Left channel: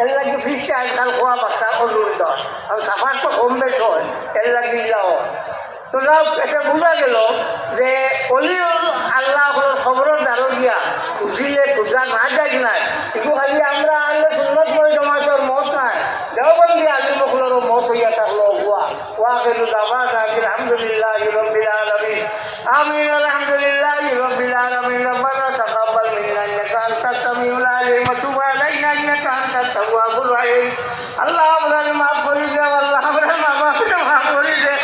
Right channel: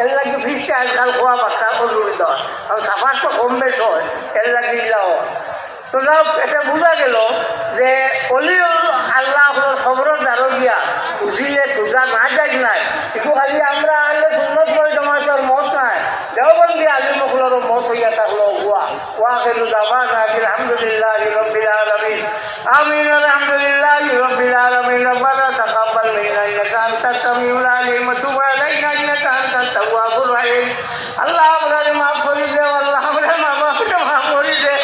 এর লাগে ফিসে আজকাল খোয়া বাচ্চা অনুরোধ হয় কারণ সাফার তো কম বেশ হয় এর লাগে ইলাও তো যাও এটা বোঝা গেল যে অলি আল্লাহ খবরের দ্বারা দিয়া উঠিলে খোঁজা না যাই নাই কিন্তু খালি আমরা আনলে সুন্নত করে তোমার তোর মত নাই দেওবন্দি আলিমগুলোর মত হইয়া থাকলো ওয়া গেলু দাওয়া আলহামদুলিল্লাহ রাব্বিল আলামিন আমিন আলহামদুলিল্লাহ রাব্বিল আলামিন রব্বানা তাকাব্বাল মিন্না ইন্নাকা আনতাস সামিউল আলিম ওয়া তুব আলাইনা ইন্নাকা আনতাত তাওয়াবুর রহিম আল্লাহ আমাদের মাফ করে দাও আল্লাহ আমাদের মাফ করে দাও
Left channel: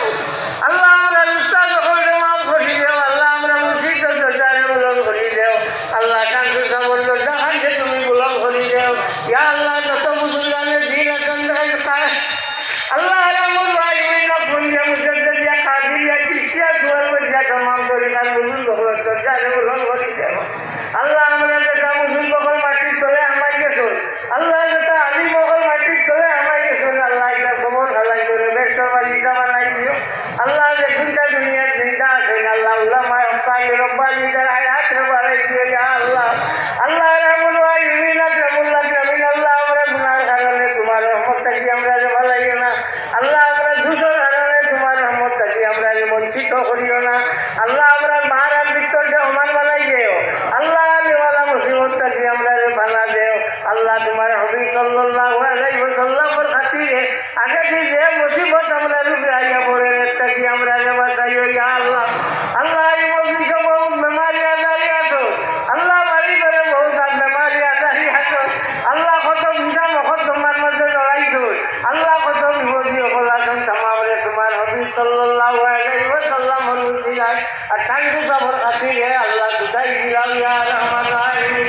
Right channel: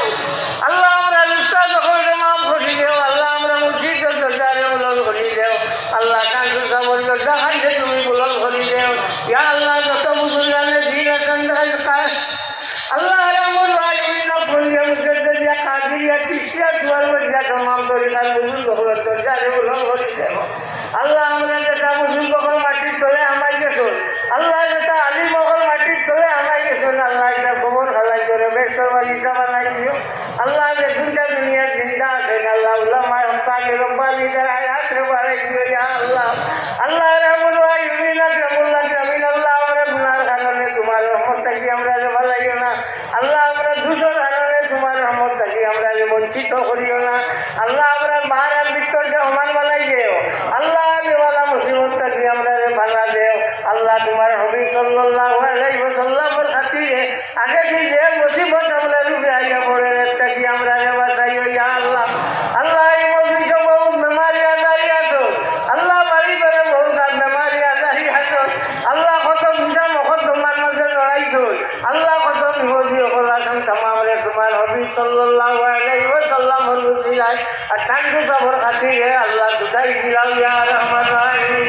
আল্লাহ আমাদের ইচ্ছা করে মাফ করে দাও আল্লাহ আমরা মুর্শিদ দরজারে বুলন্দ করে দাও আল্লাহ কাকে খবর দরজা খাইতে তুমি বুলন্দ করে দাও ইয়া আল্লাহ যত বুজুর্গানে দিন কন্দাই খায় আল্লাহ রামুল রাহিমিনা পুঞ্জে মুজদ্দিয়া কাদিরিয়া কিসিয়া দুয়ার বজ্জা तमाम তরিকার বুজুর্গ হলো দরজারে বুলন্দ করে দাও আল্লাহ আমরা যেটা বুজুর্গ করে মাটি তোলে আমায় গেছো আল্লাহ যেটা আলী মোগল মাটির তোলে আমায় গেছো আল্লাহ এটা গোবর খালাই করে বেশর বালিকা বানাই দিও আল্লাহ যে দুনিয়া দুনিয়া জিন্দা আছে আল্লাহ উলামা হকানি রব্বানিদের হায়াত বাড়াই দিও ইয়া আল্লাহ আল্লাহ রামুল রাহিমিনা রামুল্লাহ জামিন আল্লাহ আমরা গুনার কারণে তোমার রহমত থেকে আমরা যে ভালাইও না আল্লাহ আমরা দুজোর কারণে তোমার রহমত থেকে আমরা যে বঞ্চিত করিও না আল্লাহ আমরা মারার ভিতর যে সমান বানাই দেও আল্লাহ দেওয়ালা মুসিবত থেকে আমরা যে বানা দেও আল্লাহ তোমার হাবিব সাল্লাল্লাহু আলাইহি ওয়াসাল্লামের খাতিরে আগে যে মুসিবত আমরা রূপে আইয়া পড়ে থেকে আমরা যে বাঁচাইও ইয়া আল্লাহ আল্লাহ এই মজলিসে বহুত বেমারি আজারি আছো আল্লাহ বাড়ি করে বহুত বেমারি আজারি আছো আল্লাহ কত বিধা মখত তোমার মধ্যে লড়াইছো আল্লাহ কত বিপদী হল আসন তামামরে তোমার হাবিব সাল্লাল্লাহু আলাইহি ওয়াসাল্লামের উসিলায় আর ঠান্ডু সবর খাতিরে আল্লাহ দুটাই দিলাও ইয়া রহমান রাহিম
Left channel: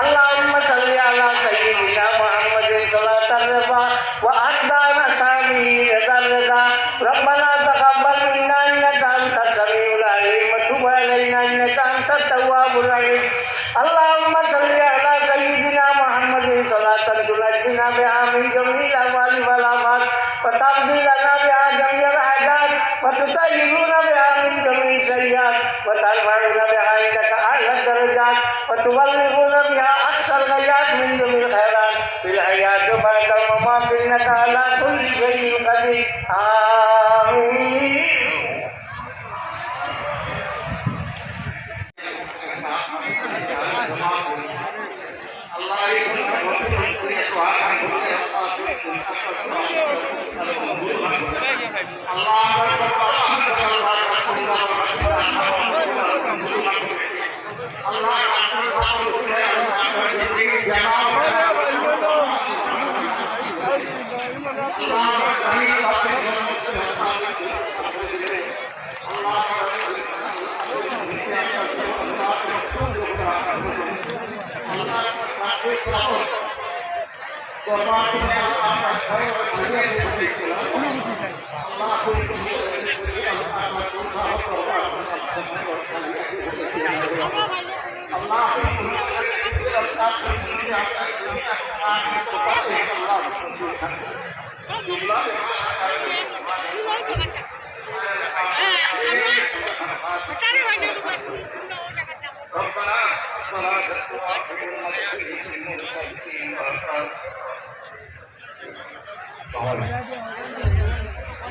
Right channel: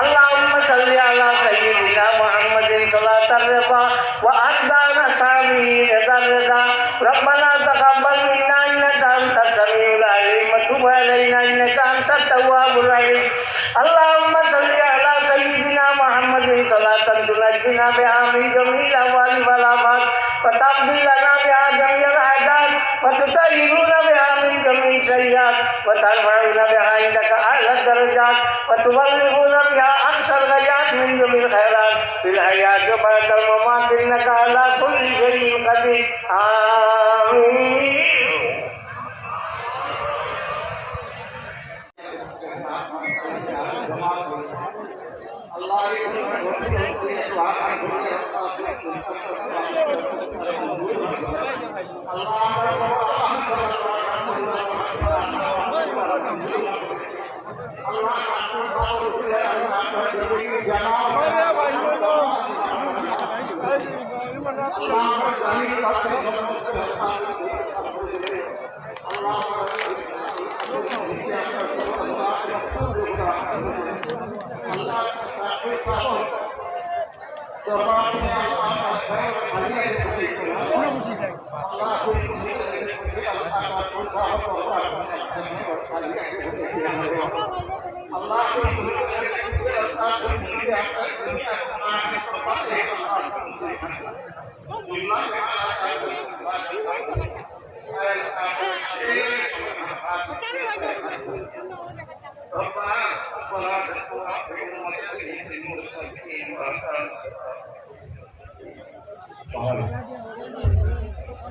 আল্লাহুম্মা সাল্লি আলা সাইয়্যিদিনা মুহাম্মাদিন সাল্লাতার রিবা ওয়া আদদানা সামিন দারদা রব্বানা তাকাব্বাল মিন্না ইন্নাকা আনতাস সামিউল আলিম ওয়া তুব আলাইনা ইন্নাকা আনতাত তাওয়াবুর রহিম আল্লাহুম্মা সাল্লি আলা সাইয়্যিদিনা মুহাম্মাদিন সাল্লাতান তুনাজ্জিনা বিহা মিন জামিল আহওয়ালি ওয়াল আফাত ওয়া তাকদি লানা বিহা জামিল হাজাত ওয়া তুতাইয়িরুনা বিহা মিন জামিল সাইয়্যাত ওয়া তারফাউনা বিহা ইন্দাকা আ'লা দারাজাত ওয়া তুবাল্লিগুনা বিহা আকসার গায়াত মিন জামিল খায়রাত ফিল হায়াত ওয়া বা'দাল মামাত ইন্নাকা আলা কুল্লি শাইইন কাদির আমিন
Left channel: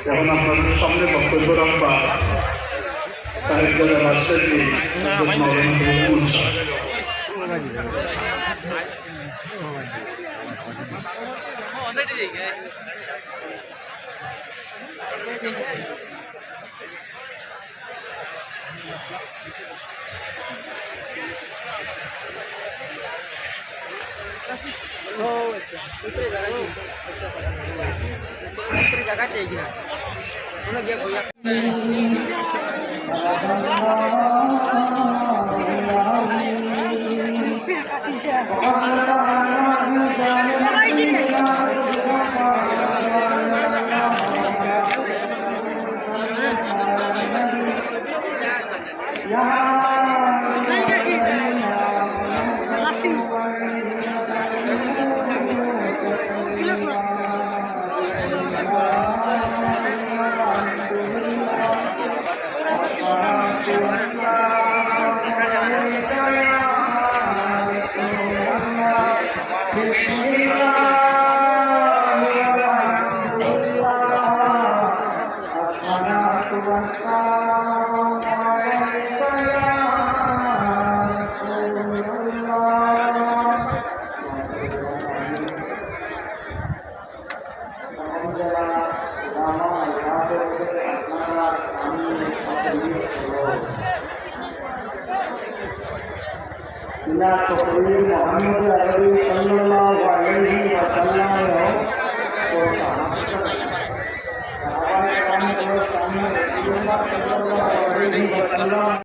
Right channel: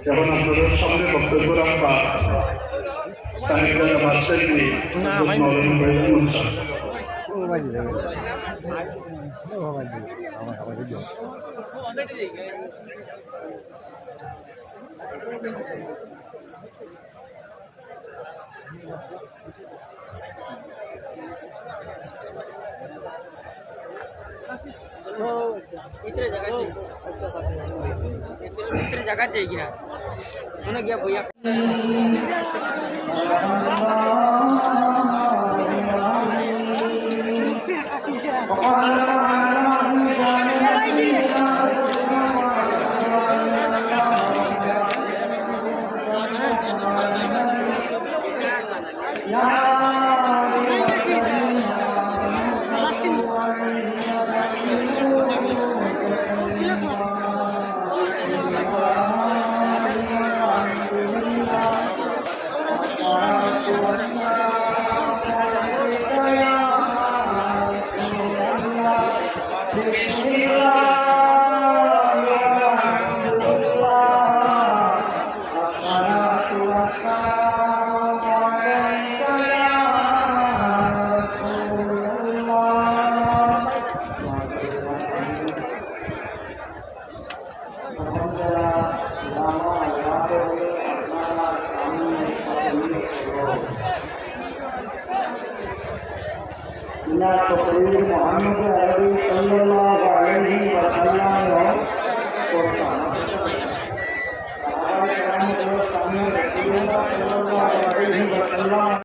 এখন আপনাদের সামনে বক্তব্য রাখবা সাহিত্যরা রাজশাহী जगह चाहिए उन्हें गया भैया ila taqrir Muhammad Arabi sallallahu alaihi wasallam করতাম সাহাবায়ে কেরাম সামনে রাসূলুল্লাহ সাল্লাল্লাহু আলাইহি ওয়াসাল্লাম